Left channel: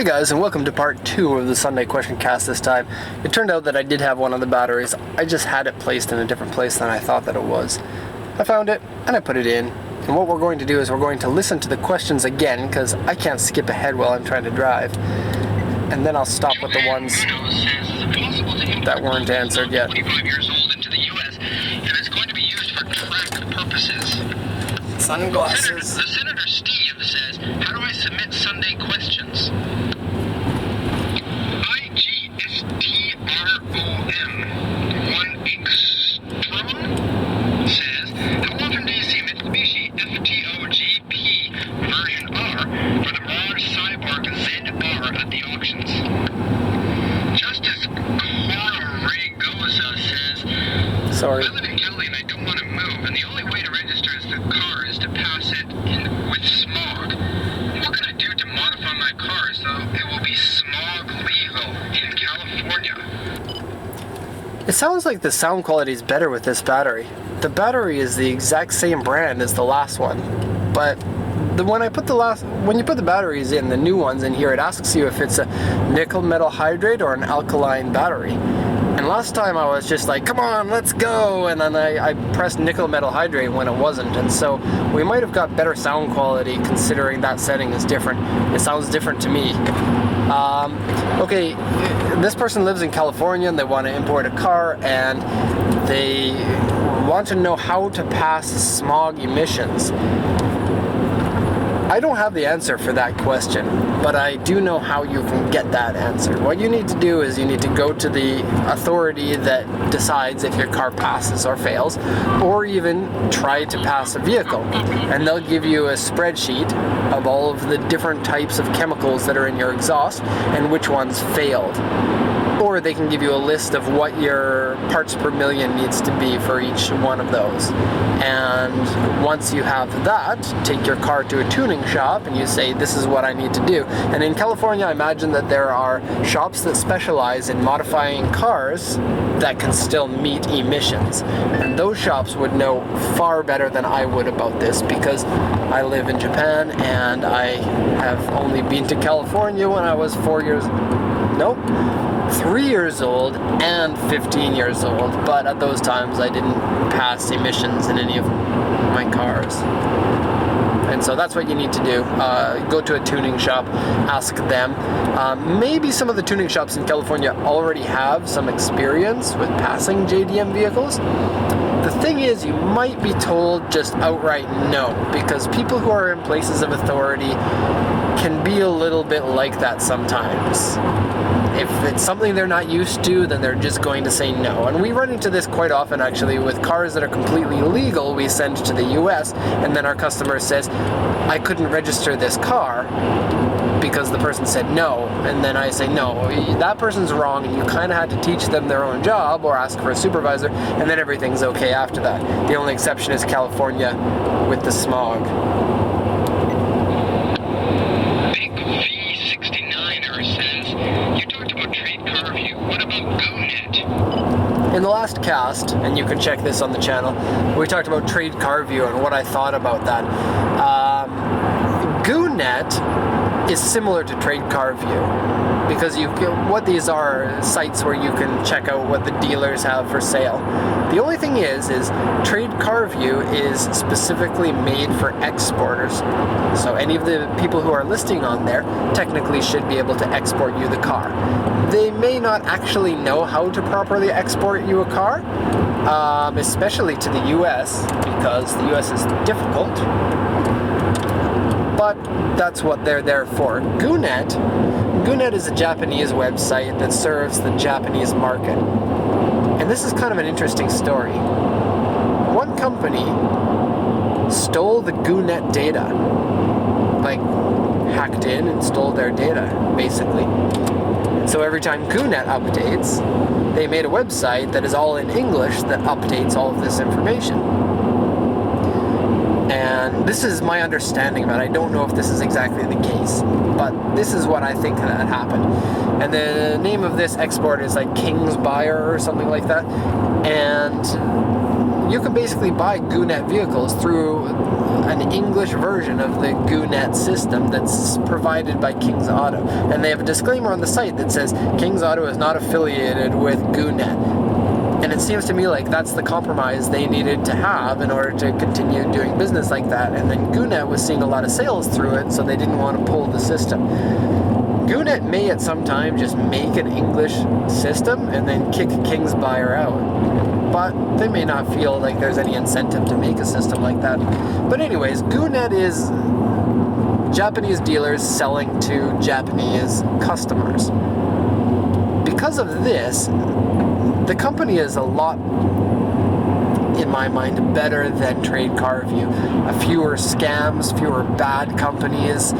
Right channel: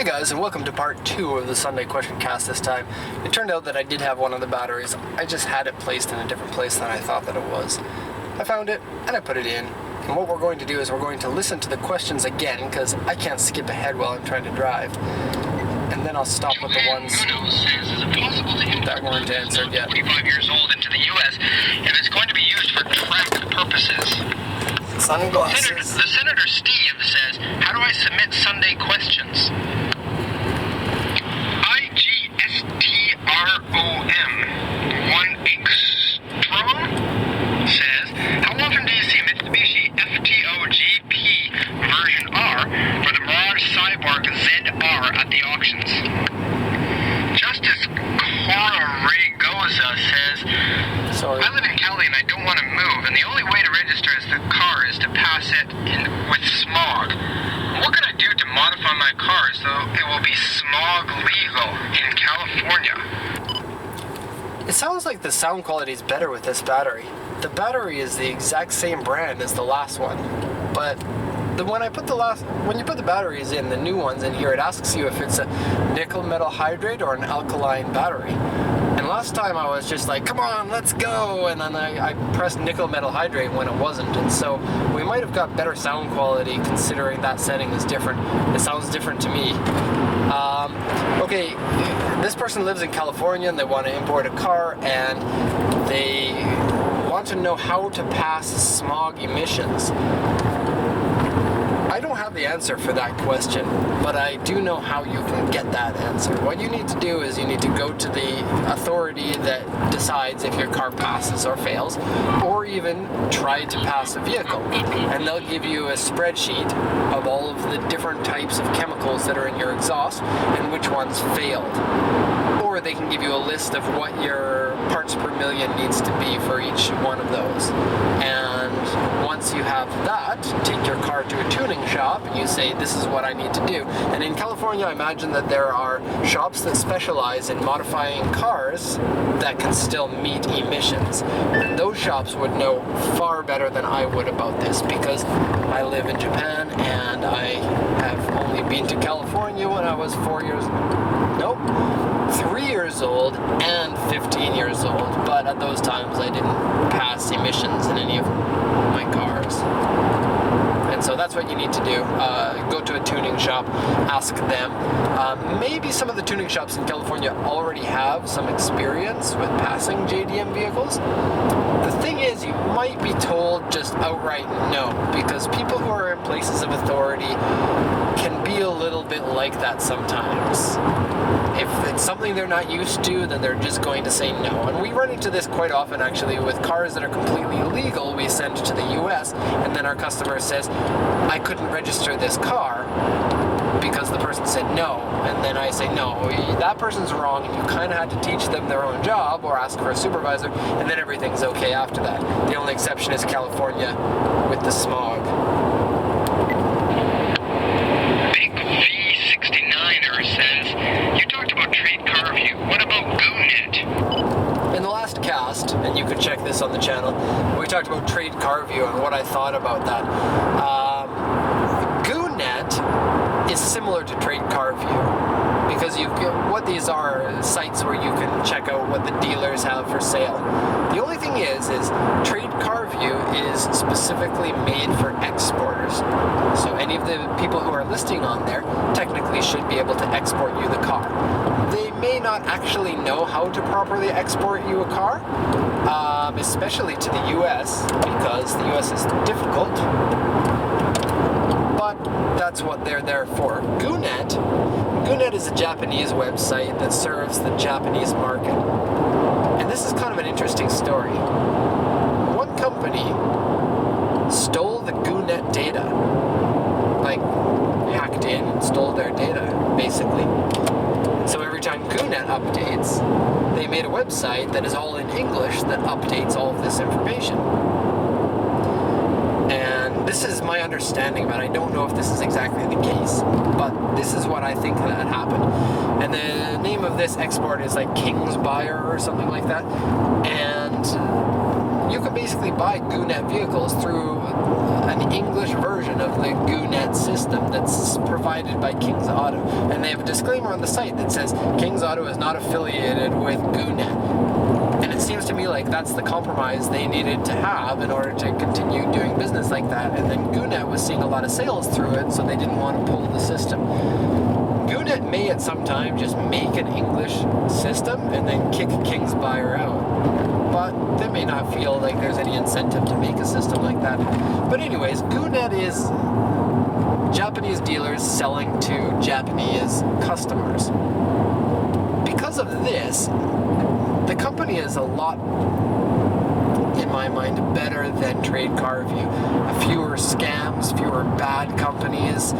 Hey guys, and welcome to part 2 of the Sunday question cast this time. It turned out that I did have one of the batteries. I just had it placed in a different place than I thought that it was. I found it, and I put it in. And what we're going to do is we're going to listen to the questions again, because I can't skip ahead while I'm trying to drive. And then I'll stop with the ones that weren't answered yet. 45 years old into the U.S., and it's going to be used for track purposes. Sunglasses. The Senator Steve says, how do I submit Sunday questions? IGSTROM 1Xtrom says, how often do you see Mitsubishi FTO-GP version R for the Mirage Cyborg ZR at the auctions? Justice Cora Raygoza says, Sorry. I live in Cali and I don't want to move, and the only way to register the car is to pass it with smog. What can I do to modify my car so it will be smog legal in California? It sounds like the sound quality is better with this battery. The battery is the exact same brand as the last one, but when you put the batteries in, the new ones in here, it asks you if it's a nickel metal hydrate or an alkaline battery. And last time I was just like, come on, let's go, and then I pressed nickel metal hydrate when it wasn't, and so we might have got better sound quality considering that setting is different. It sounds different to me. Okay, this person lives in California and they want to import a car, and they want to know how to pass smog emissions. I don't have the answer for that question, but I do know how you can get that answer. What you need to do is you need to go to the authority that decides if your car passes or fails, or even try to pass a vehicle. And they'll give you a spreadsheet of all of the different types of chemicals that are in your exhaust and which ones failed. Or they can give you a list of what your parts per million needs to be for each one of those. And once you have that, take your car to a tuning shop and you say, this is what I need to do. And in California, I imagine that there are shops that specialize in modifying cars that can still meet emissions. And those shops would know far better than I would about this, because I live in Japan and I have only been to California when I was 3 years old and 15 years old, but at those times I didn't pass emissions in any of my cars. And so that's what you need to do. Go to a tuning shop, ask them. Maybe some of the tuning shops in California already have some experience with passing JDM vehicles. The thing is, you might be told just outright no, because people who are in places of authority can be a little bit like that sometimes. If it's something they're not used to, then they're just going to say no. And we run into this quite often, actually, with cars that are completely legal we send to the US, and then our customer says, I couldn't register this car because the person said no. And then I say, no, that person's wrong, and you kind of had to teach them their own job or ask for a supervisor, and then everything's okay after that. The only exception is California with the smog. Big V69er says, you talked about TradeCarView. What about Goonet? In the last cast, and you can check this on the channel, we talked about TradeCarView and what I thought about that. Goonet is similar to TradeCarView, because what these are sites where you can check out what the dealers have for sale. The only thing is TradeCarView is specifically made for exporters. So any of the people who are listing on there technically should be able to export you the car. They may not actually know how to properly export you a car, especially to the US, because the US is difficult. But that's what they're there for. Goonet is a Japanese website that serves the Japanese market. And this is kind of an interesting story. One company stole the Goonet data. Like, hacked in and stole their data, basically. So every time Goonet updates, they made a website that is all in English that updates all of this information. And this is my understanding of it. I don't know if this is exactly the case, but this is what I think that happened. And the name of this export is like King's Buyer or something like that. And you can basically buy Goonet vehicles through an English version of the Goonet system that's provided by King's Auto. And they have a disclaimer on the site that says King's Auto is not affiliated with Goonet. And it seems to me like that's the compromise they needed to have in order to continue doing business like that. And then Goonet was seeing a lot of sales through it, so they didn't want to pull the system. Goonet may at some time just make an English system and then kick King's buyer out. But they may not feel like there's any incentive to make a system like that. But anyways, Goonet is Japanese dealers selling to Japanese customers. Because of this, the company is a lot, in my mind, better than TradeCarView. Fewer scams, fewer bad companies,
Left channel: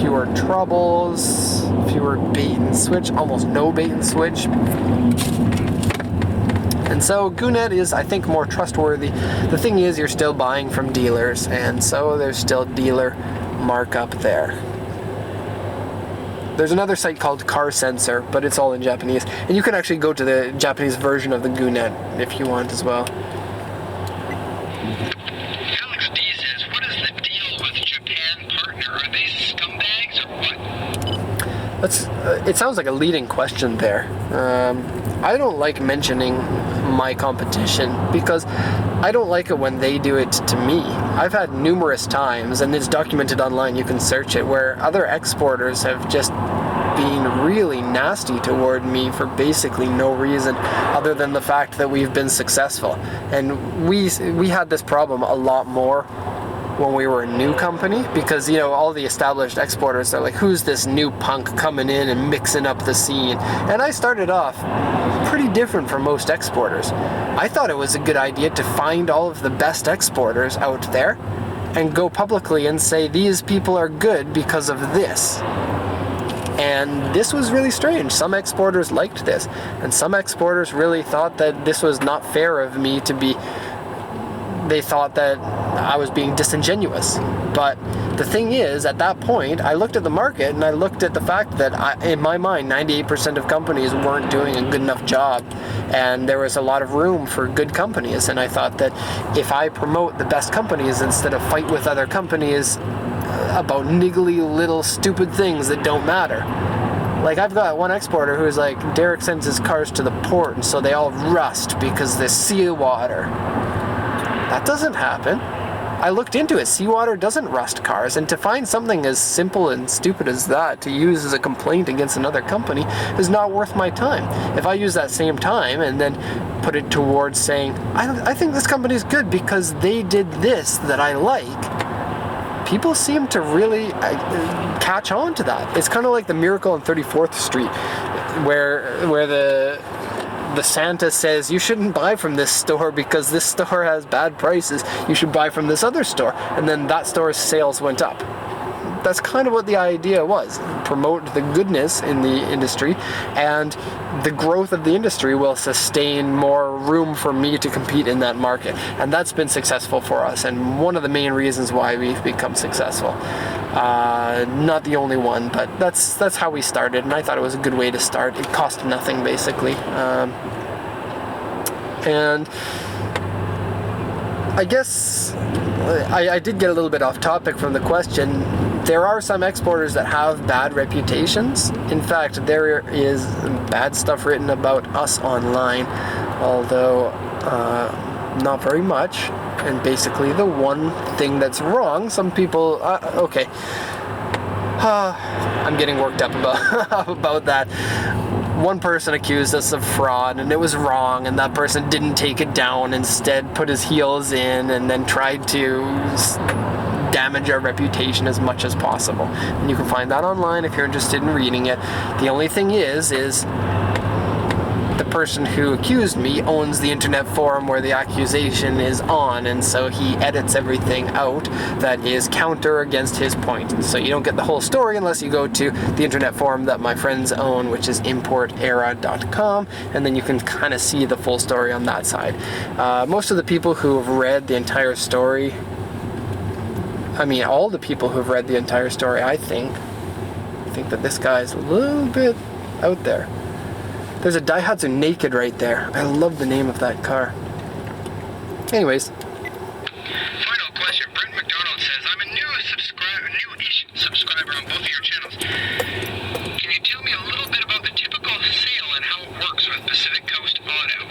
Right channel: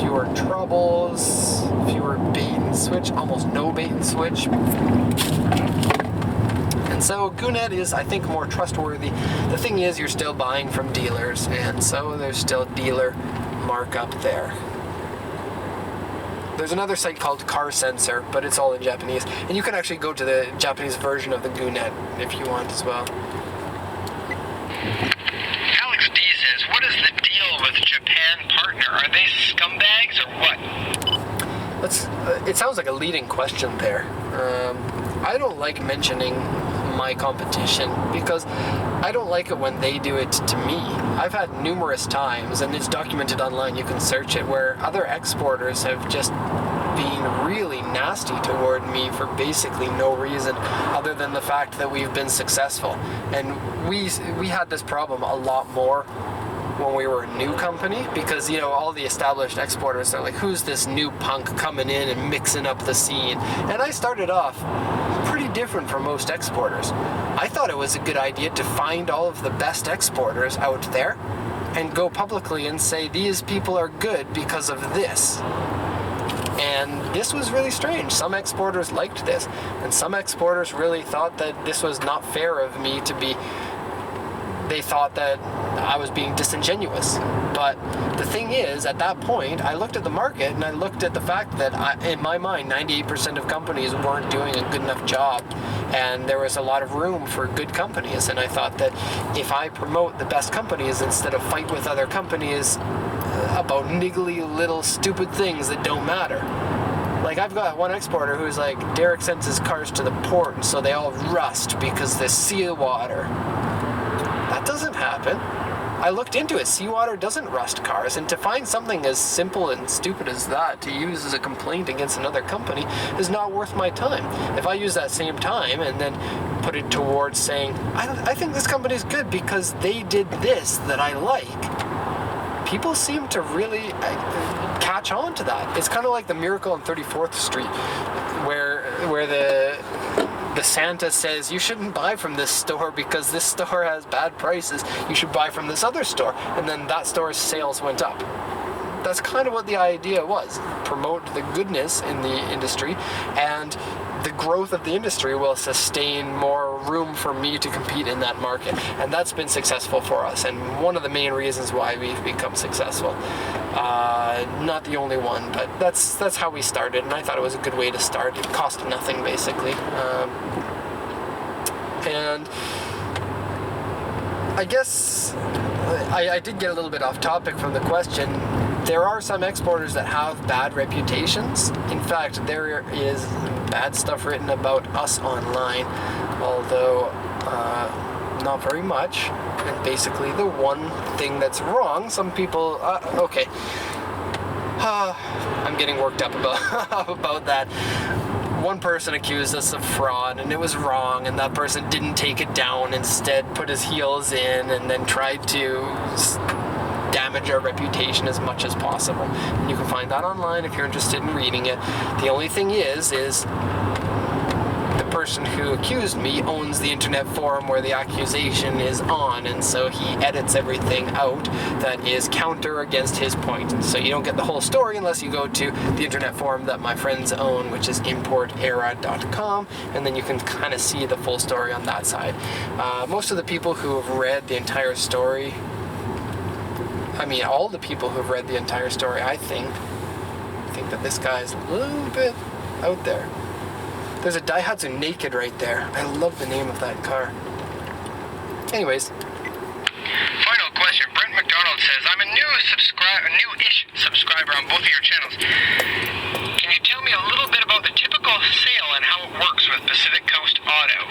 fewer troubles, fewer bait and switch, almost no bait and switch. And so Goonet is, I think, more trustworthy. The thing is, you're still buying from dealers, and so there's still dealer markup there. There's another site called Car Sensor, but it's all in Japanese. And you can actually go to the Japanese version of the Goonet if you want as well. Alex D says, what is the deal with Japan Partner? Are they scumbags or what? It sounds like a leading question there. I don't like mentioning my competition because I don't like it when they do it to me. I've had numerous times, and it's documented online, you can search it, where other exporters have just been really nasty toward me for basically no reason other than the fact that we've been successful. And we had this problem a lot more when we were a new company, because, you know, all the established exporters are like, who's this new punk coming in and mixing up the scene? And I started off pretty different from most exporters. I thought it was a good idea to find all of the best exporters out there and go publicly and say, these people are good because of this. And this was really strange. Some exporters liked this, and some exporters really thought that this was not fair of me to be. They thought that I was being disingenuous. But the thing is, at that point, I looked at the market and I looked at the fact that, in my mind, 98% of companies weren't doing a good enough job. And there was a lot of room for good companies. And I thought that if I promote the best companies instead of fight with other companies about niggly little stupid things that don't matter. Like, I've got one exporter who's like, Derek sends his cars to the port and so they all rust because there's seawater. That doesn't happen. I looked into it. Seawater doesn't rust cars, and to find something as simple and stupid as that to use as a complaint against another company is not worth my time. If I use that same time and then put it towards saying, I think this company's good because they did this that I like, people seem to really catch on to that. It's kind of like the Miracle on 34th Street, where the Santa says, you shouldn't buy from this store because this store has bad prices. You should buy from this other store. And then that store's sales went up. That's kind of what the idea was. Promote the goodness in the industry, and the growth of the industry will sustain more room for me to compete in that market. And that's been successful for us, and one of the main reasons why we've become successful. Not the only one, but that's how we started, and I thought it was a good way to start. It cost nothing, basically. And I guess I did get a little bit off topic from the question. There are some exporters that have bad reputations. In fact, there is bad stuff written about us online, although not very much. And basically the one thing that's wrong, some people, okay. I'm getting worked up about that. One person accused us of fraud, and it was wrong, and that person didn't take it down, instead put his heels in and then tried to damage our reputation as much as possible. And you can find that online if you're interested in reading it. The only thing is the person who accused me owns the internet forum where the accusation is on, and so he edits everything out that is counter against his point. And so you don't get the whole story unless you go to the internet forum that my friends own, which is importera.com, and then you can kind of see the full story on that side. Most of the people who have read the entire story, I mean, all the people who've read the entire story, I think that this guy's a little bit out there. There's a Daihatsu Naked right there. I love the name of that car. Anyways. Final question. Brent McDonald says, I'm a new-ish subscriber on both of your channels. Can you tell me a little bit about the typical sale and how it works with Pacific Coast Auto?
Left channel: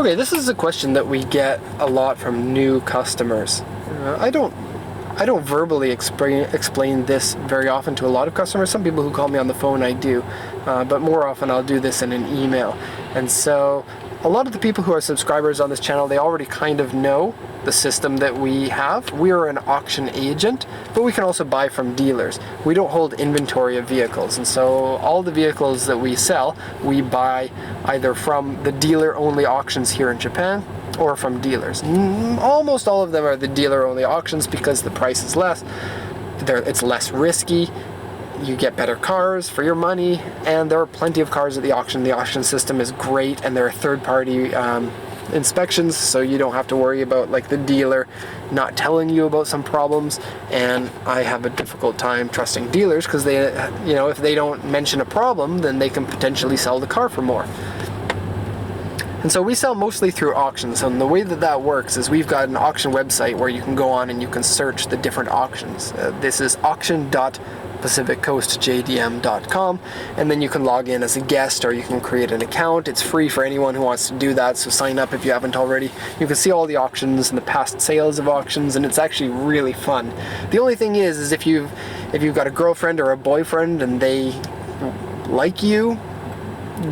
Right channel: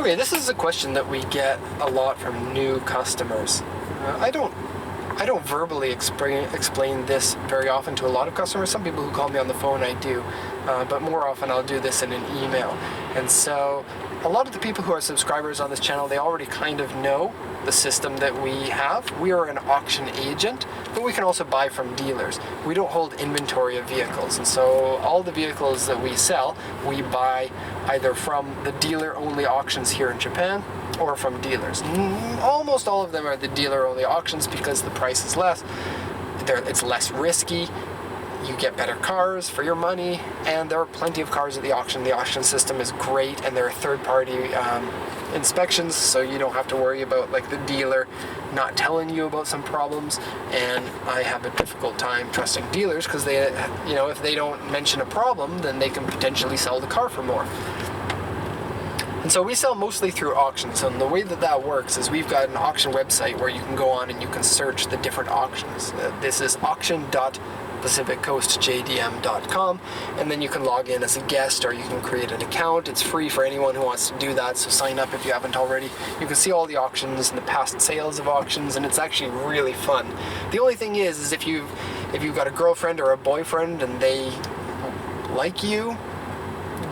Okay, this is a question that we get a lot from new customers. I don't verbally explain this very often to a lot of customers. Some people who call me on the phone, I do, but more often I'll do this in an email. And so a lot of the people who are subscribers on this channel, they already kind of know the system that we have. We are an auction agent, but we can also buy from dealers. We don't hold inventory of vehicles, and so all the vehicles that we sell, we buy either from the dealer-only auctions here in Japan or from dealers. Almost all of them are the dealer-only auctions because the price is less, it's less risky, you get better cars for your money, and there are plenty of cars at the auction. The auction system is great, and there are third-party inspections, so you don't have to worry about like the dealer not telling you about some problems. And I have a difficult time trusting dealers because they, if they don't mention a problem, then they can potentially sell the car for more. And so we sell mostly through auctions, and the way that works is we've got an auction website where you can go on and you can search the different auctions. This is auction.pacificcoastjdm.com, and then you can log in as a guest or you can create an account. It's free for anyone who wants to do that, so sign up if you haven't already. You can see all the auctions and the past sales of auctions, and it's actually really fun. The only thing is if you've got a girlfriend or a boyfriend and they like you,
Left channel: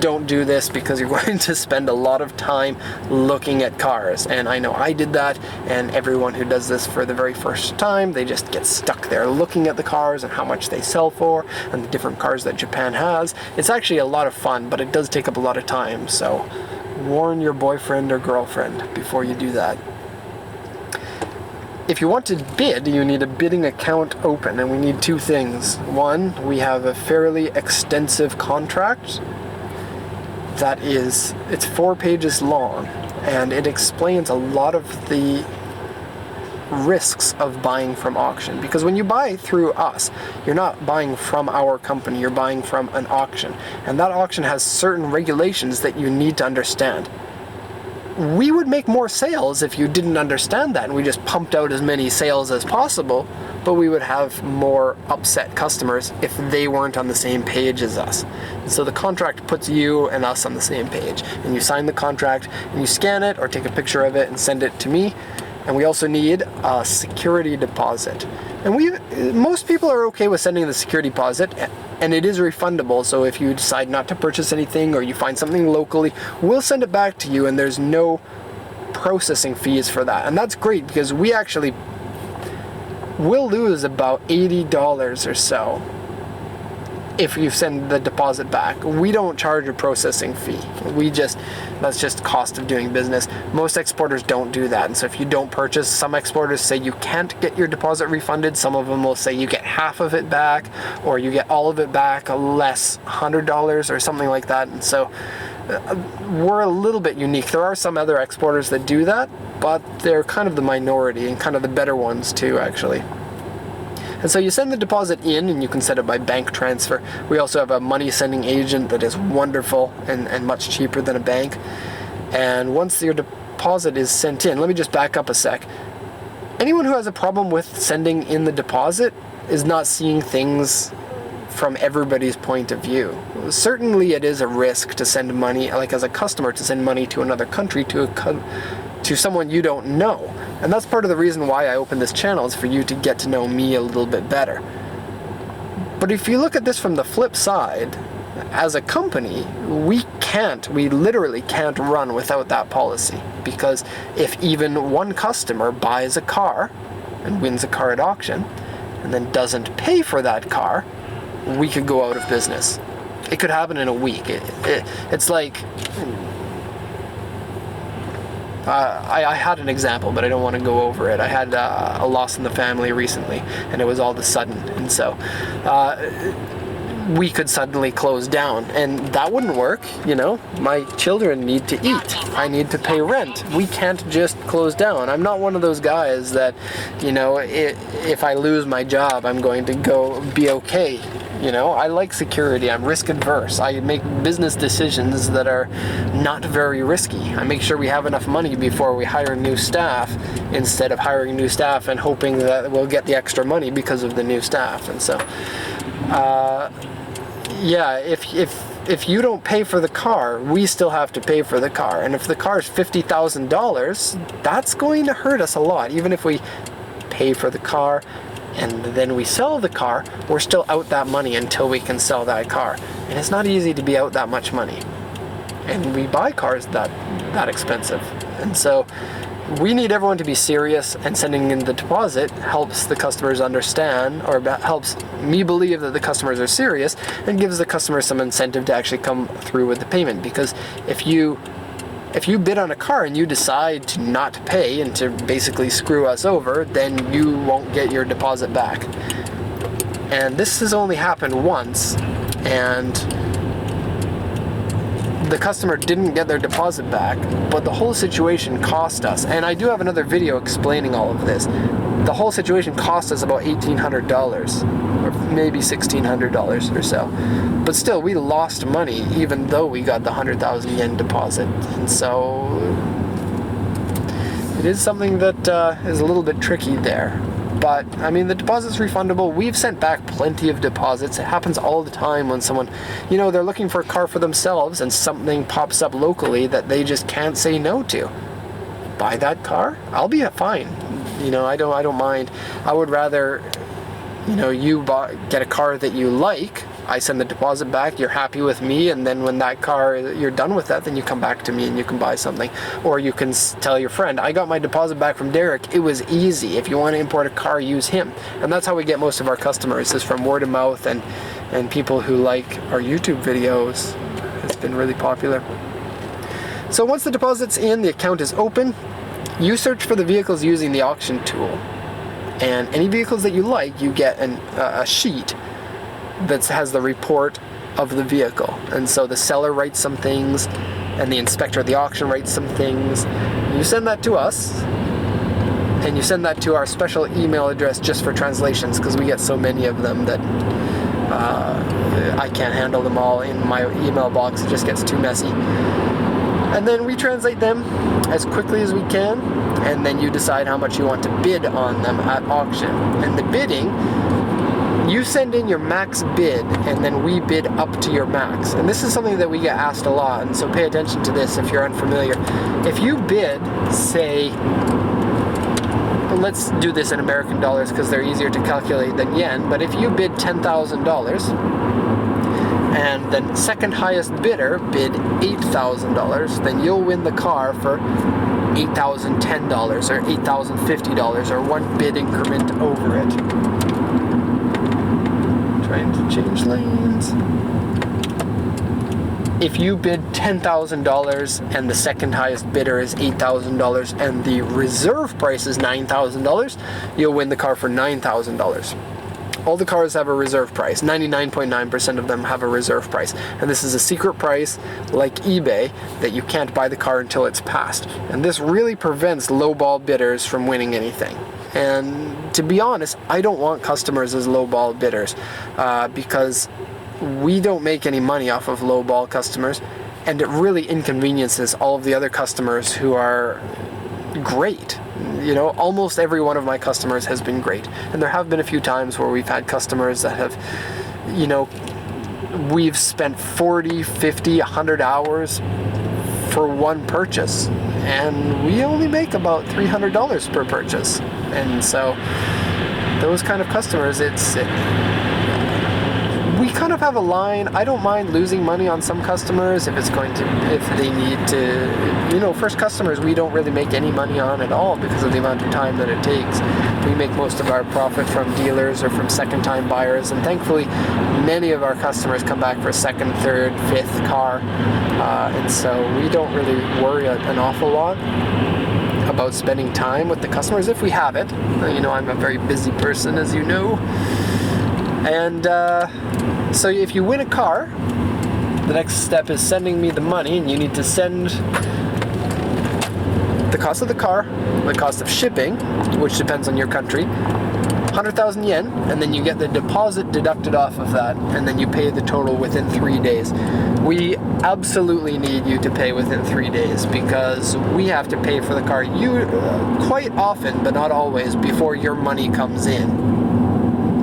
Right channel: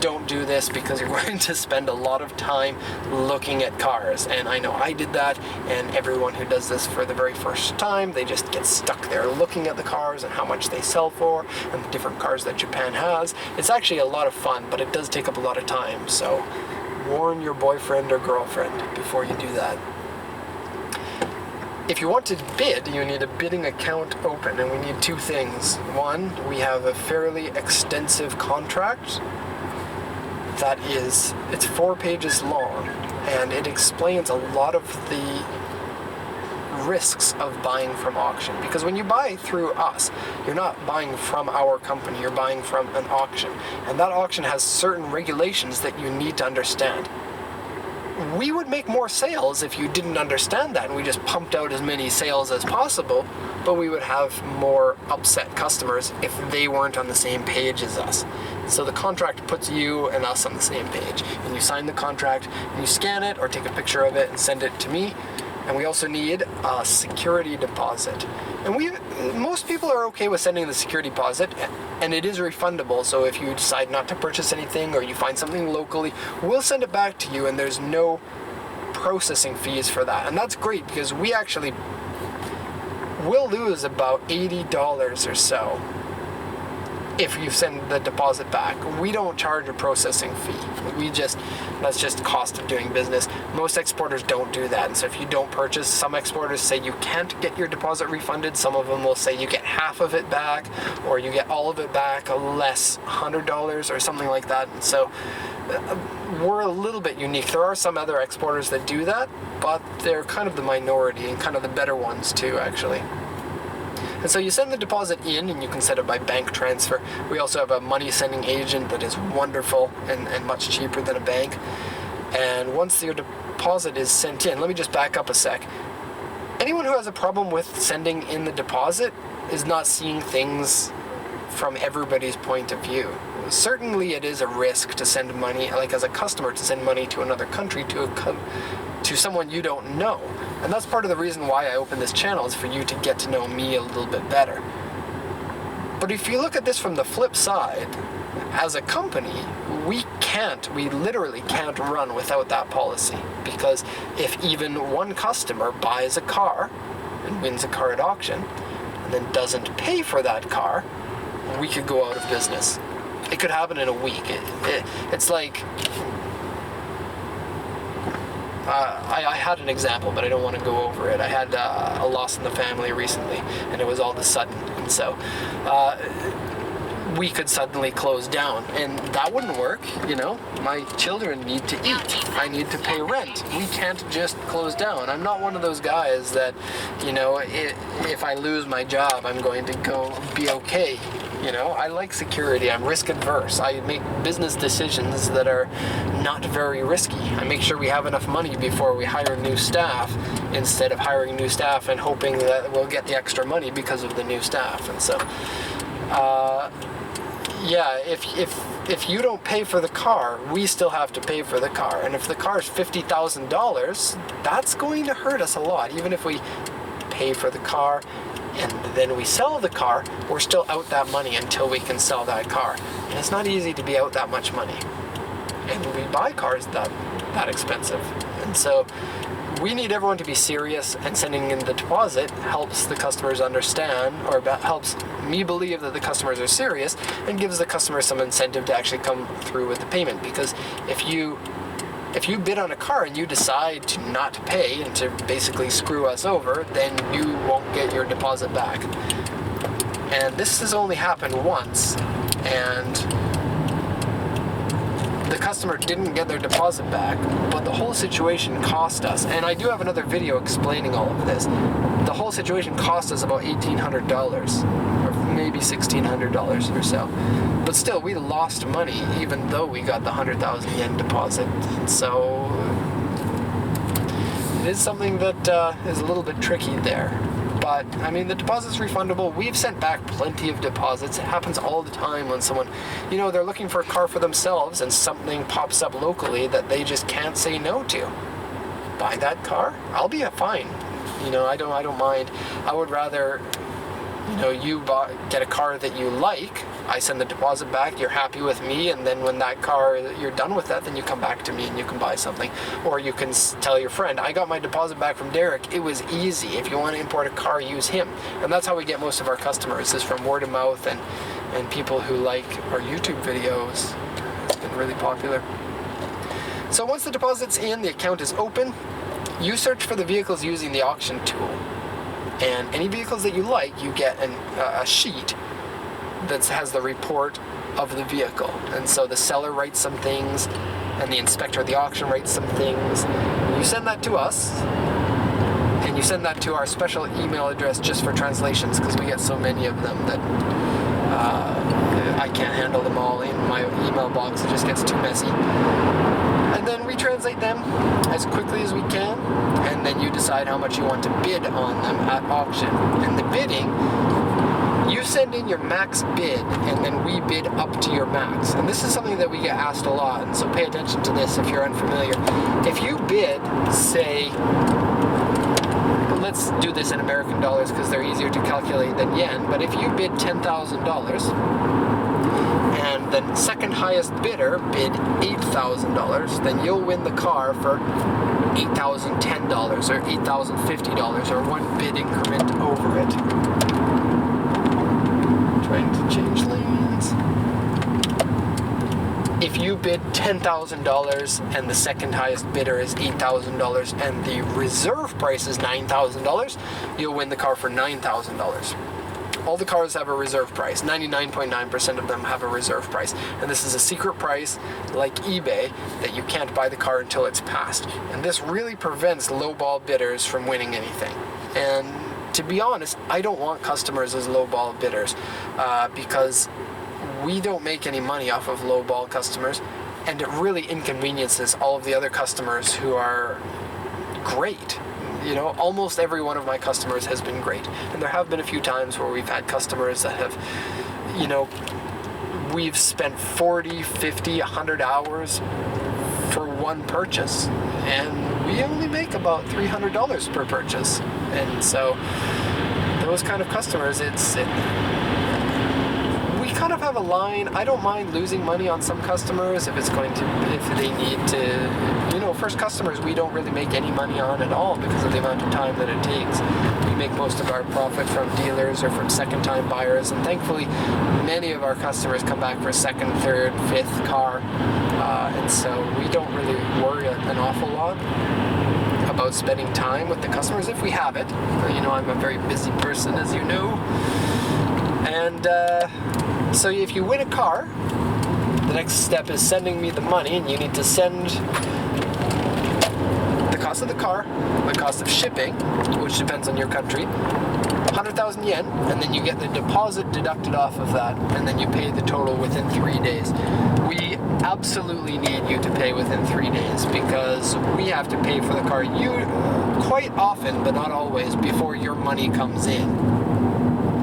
don't do this because you're going to spend a lot of time looking at cars. And I know I did that, and everyone who does this for the very first time, they just get stuck there looking at the cars and how much they sell for and the different cars that Japan has. It's actually a lot of fun, but it does take up a lot of time, so warn your boyfriend or girlfriend before you do that. If you want to bid, you need a bidding account open, and we need two things. One, we have a fairly extensive contract it's 4 pages long, and it explains a lot of the risks of buying from auction. Because when you buy through us, you're not buying from our company, you're buying from an auction. And that auction has certain regulations that you need to understand. We would make more sales if you didn't understand that and we just pumped out as many sales as possible, but we would have more upset customers if they weren't on the same page as us. And so the contract puts you and us on the same page, and you sign the contract and you scan it or take a picture of it and send it to me. And we also need a security deposit. And most people are okay with sending the security deposit, and it is refundable. So if you decide not to purchase anything or you find something locally, we'll send it back to you, and there's no processing fees for that. And that's great because we'll lose about $80 or so if you send the deposit back. We don't charge a processing fee. That's just cost of doing business. Most exporters don't do that, and so if you don't purchase, some exporters say you can't get your deposit refunded. Some of them will say you get half of it back, or you get all of it back, less $100 or something like that. And so we're a little bit unique. There are some other exporters that do that, but they're kind of the minority and kind of the better ones too, actually. And so you send the deposit in, and you can set it by bank transfer. We also have a money sending agent that is wonderful and much cheaper than a bank. And once your deposit is sent in, let me just back up a sec. Anyone who has a problem with sending in the deposit is not seeing things from everybody's point of view. Certainly it is a risk to send money, like as a customer, to send money to another country, to someone you don't know. And that's part of the reason why I opened this channel, is for you to get to know me a little bit better. But if you look at this from the flip side, as a company, we literally can't run without that policy. Because if even one customer buys a car and wins a car at auction and then doesn't pay for that car, we could go out of business. It could happen in a week. It's like... I had an example, but I don't want to go over it. I had a loss in the family recently, and it was all of a sudden. And so we could suddenly close down, and that wouldn't work. My children need to eat. I need to pay rent. We can't just close down. I'm not one of those guys that, if I lose my job, I'm going to go be okay. You know, I like security. I'm risk adverse. I make business decisions that are not very risky. I make sure we have enough money before we hire new staff, instead of hiring new staff and hoping that we'll get the extra money because of the new staff. And so, yeah, if you don't pay for the car, we still have to pay for the car. And if the car is $50,000, that's going to hurt us a lot. Even if we pay for the car and then we sell the car, we're still out that money until we can sell that car. And it's not easy to be out that much money. And we buy cars that expensive. And so we need everyone to be serious, and sending in the deposit helps the customers understand, or helps me believe that the customers are serious, and gives the customer some incentive to actually come through with the payment. Because if you bid on a car and you decide to not pay and to basically screw us over, then you won't get your deposit back. And this has only happened once, and the customer didn't get their deposit back, but the whole situation cost us, and I do have another video explaining all of this, the whole situation cost us about $1,800, or maybe $1,600 or so. But still, we lost money even though we got the 100,000 yen deposit. And so it is something that is a little bit tricky there. But, I mean, the deposit's refundable. We've sent back plenty of deposits. It happens all the time when someone, you know, they're looking for a car for themselves and something pops up locally that they just can't say no to. Buy that car? I'll be fine. You know, I don't mind. I would rather, you know, get a car that you like. I send the deposit back, you're happy with me, and then when that car, you're done with that, then you come back to me and you can buy something. Or you can tell your friend, I got my deposit back from Derek, it was easy. If you want to import a car, use him. And that's how we get most of our customers, is from word of mouth and people who like our YouTube videos. It's been really popular. So once the deposit's in, the account is open, you search for the vehicles using the auction tool. And any vehicles that you like, you get a sheet that has the report of the vehicle. And so the seller writes some things, and the inspector at the auction writes some things. You send that to us, and you send that to our special email address just for translations, because we get so many of them that I can't handle them all in my email box. It just gets too messy. And then we translate them as quickly as we can, and then you decide how much you want to bid on them at auction. And the bidding, you send in your max bid, and then we bid up to your max. And this is something that we get asked a lot, and so pay attention to this if you're unfamiliar. If you bid, say, let's do this in American dollars because they're easier to calculate than yen, but if you bid $10,000, and the second highest bidder bid $8,000, then you'll win the car for $8,010 or $8,050, or one bid increment over it. Trying to change lanes. If you bid $10,000 and the second highest bidder is $8,000 and the reserve price is $9,000, you'll win the car for $9,000. All the cars have a reserve price. 99.9% of them have a reserve price. And this is a secret price, like eBay, that you can't buy the car until it's passed. And this really prevents lowball bidders from winning anything. And to be honest, I don't want customers as lowball bidders because we don't make any money off of lowball customers, and it really inconveniences all of the other customers who are great. You know, almost every one of my customers has been great. And there have been a few times where we've had customers that have, you know, we've spent 40, 50, 100 hours for one purchase, and we only make about $300 per purchase. And so those kind of customers, we kind of have a line. I don't mind losing money on some customers if they need to, you know, first customers we don't really make any money on at all because of the amount of time that it takes. We make most of our profit from dealers or from second-time buyers, and thankfully many of our customers come back for a second, third, fifth car, and so we don't really worry an awful lot about spending time with the customers if we have it. You know, I'm a very busy person, as you know. And so if you win a car, the next step is sending me the money, and you need to send the cost of the car, the cost of shipping, which depends on your country, 100,000 yen, and then you get the deposit deducted off of that, and then you pay the total within 3 days. We absolutely need you to pay within 3 days because we have to pay for the car quite often, but not always, before your money comes in.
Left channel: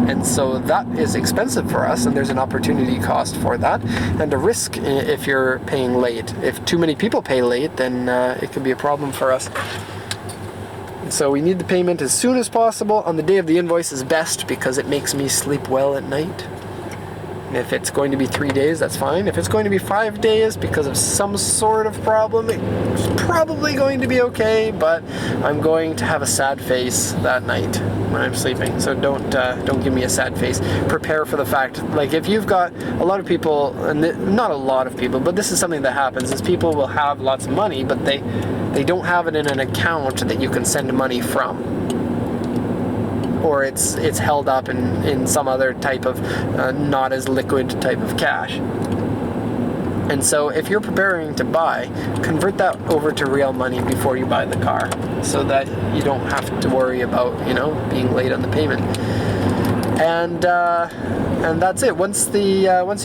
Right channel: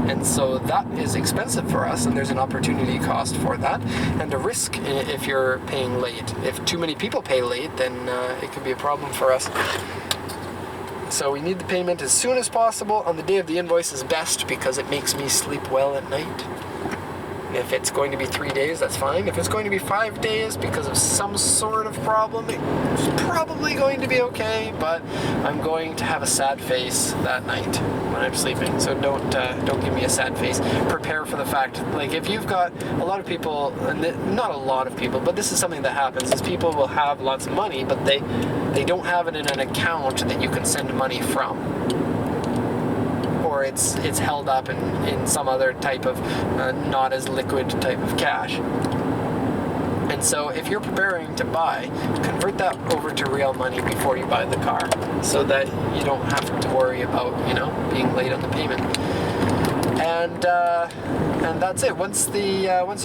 And so that is expensive for us, and there's an opportunity cost for that, and a risk if you're paying late. If too many people pay late, then it can be a problem for us. So we need the payment as soon as possible. On the day of the invoice is best because it makes me sleep well at night. And if it's going to be 3 days, that's fine. If it's going to be 5 days because of some sort of problem, it's probably going to be okay, but I'm going to have a sad face that night when I'm sleeping. So don't give me a sad face. Prepare for the fact, like if you've got a lot of people, and not a lot of people, but this is something that happens, is people will have lots of money, but they don't have it in an account that you can send money from. Or it's held up in some other type of not as liquid type of cash. And so if you're preparing to buy, convert that over to real money before you buy the car, so that you don't have to worry about, being late on the payment. And that's it. Once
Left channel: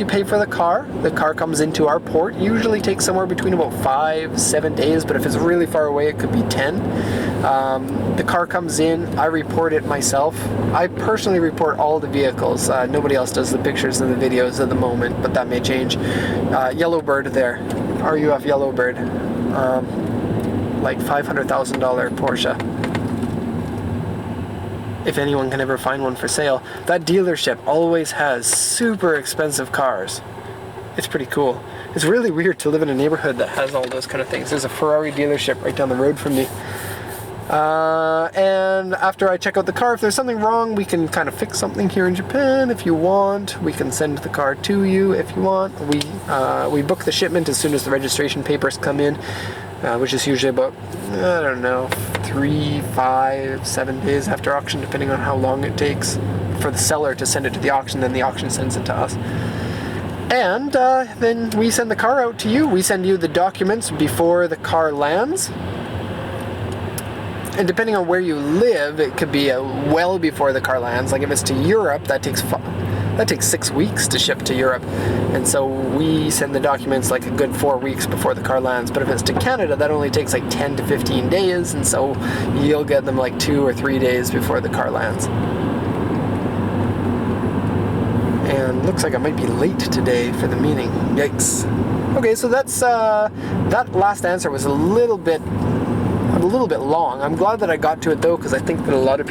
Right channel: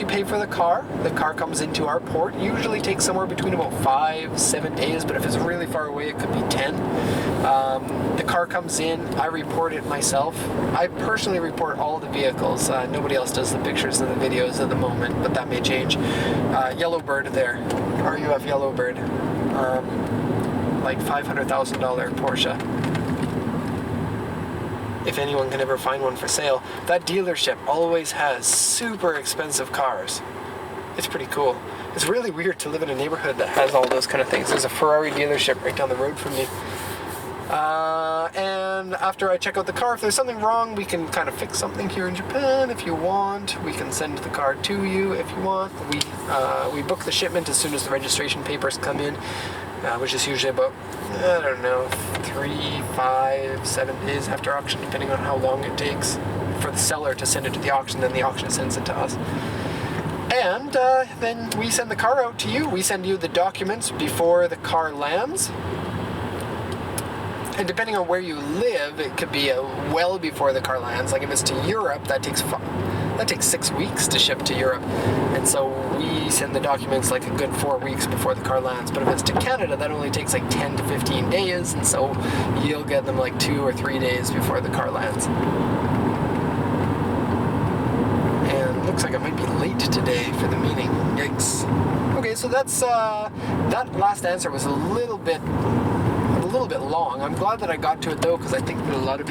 you pay for the car comes into our port. Usually takes somewhere between about 5-7 days, but if it's really far away, it could be 10. The car comes in, I report it myself. I personally report all the vehicles. Nobody else does the pictures and the videos at the moment, but that may change. Yellowbird there, RUF Yellowbird, like $500,000 Porsche. If anyone can ever find one for sale. That dealership always has super expensive cars. It's pretty cool. It's really weird to live in a neighborhood that has all those kind of things. There's a Ferrari dealership right down the road from me. And after I check out the car, if there's something wrong, we can kind of fix something here in Japan if you want. We can send the car to you if you want. We book the shipment as soon as the registration papers come in, which is usually about, 3, 5, 7 days after auction, depending on how long it takes for the seller to send it to the auction. Then the auction sends it to us. And then we send the car out to you. We send you the documents before the car lands. And depending on where you live, it could be well before the car lands. Like if it's to Europe, that takes 6 weeks to ship to Europe. And so we send the documents like a good 4 weeks before the car lands. But if it's to Canada, that only takes like 10 to 15 days. And so you'll get them like 2 or 3 days before the car lands. And looks like I might be late today for the meeting. Yikes. Okay, so that's that last answer was a little bit long. I'm glad that I got to it though, because I think that a lot of people